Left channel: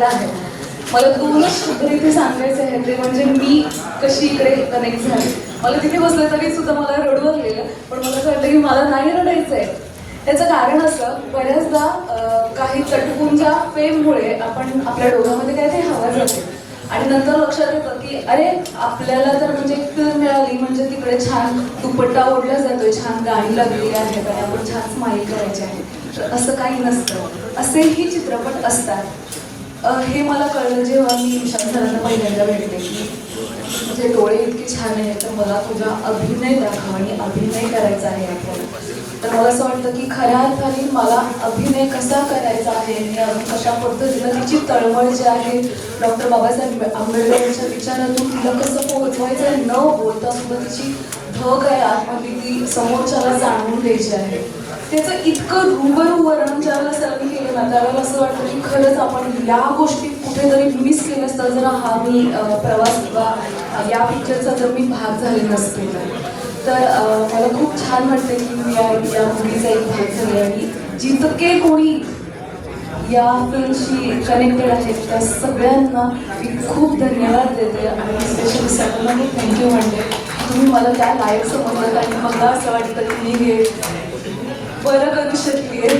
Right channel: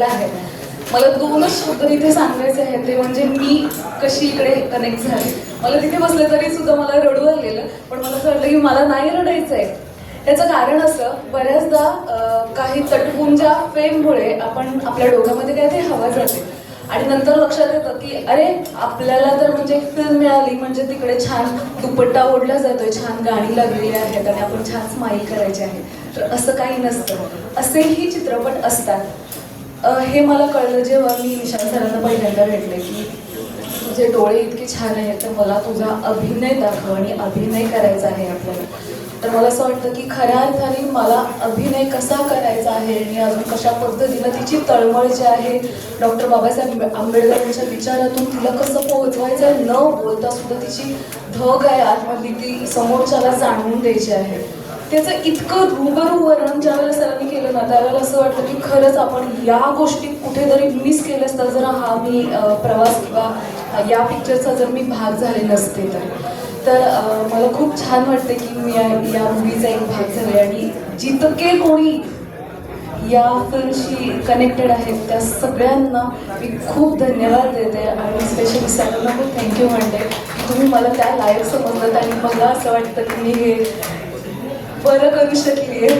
केलेला आहे. मला 2च शब्द इथे सांगायचे आहेत, ते म्हणजे मी कशी इकडे कनेक्ट झाले. मला तिथे बसलं तरी सुद्धा मला रडू आलेलं, पण मला असं वाटलं की मला नाही रडायचं आहे. त्याचं कारण असं, बऱ्याचदा काही तटपुंजा फेममुळे आपण आपल्या डोक्यामध्ये काय ते हवा जाते आणि नंतर लक्षात येतं की अरे आपल्याला तर म्हणजे एक फिल्म मिळाली म्हणजे तिकडे छान दुपट्टा ओढला जातोय, छान गाणी लागलेली आहेत आणि आपण छान स्माईल करायचे आहे. तर असं काही नसतं, असेही चित्रपट असतात. हे मला कळलं जेव्हा मी विशाल सरांना पहिल्यांदा भेटले की तुझे डोळे इतके छान आहेत, तर मला तुझा अभिनय दाखव आणि अभिनय करायचा आहे आपल्याला. तर मला असं वाटतं की खऱ्या अर्थाने मला अभिनय कसा करायचा आहे आणि अजून कशा पद्धतीनं तिची तळमळ जी आहे डॉक्टर बाबासाहेब आंबेडकरांच्या विचारातून तिला कसं पोहोचवायचं आहे, न बोलता सुद्धा तिची धग आहे आतमधली, ती समोरच्याला जाणवून द्यायची आहे. त्याचं इतकं रूबरू वर्णन ज्यावेळेला सरांनी केलं ना, त्यावेळेला असं वाटतं की खरंच आपण या गोष्टी कुठेतरी मिस केल्या असता जर हा मी प्रवास किंवा या पिक्चरचा जर मी भाग झाले नसते तर मला खूप छान वाटतं की मी या मुलीचा एक भाग झाले आणि जितके कोणी या फिल्मशी कनेक्टेड आहेत त्या सगळ्यांना मी खूप धन्यवाद देते आणि स्पेशली सरांना खूप थँक्यू म्हणते की तुम्ही मला त्या लायक समजलात आणि मला असं वाटतं की मी हे बरं करू शकली आहे.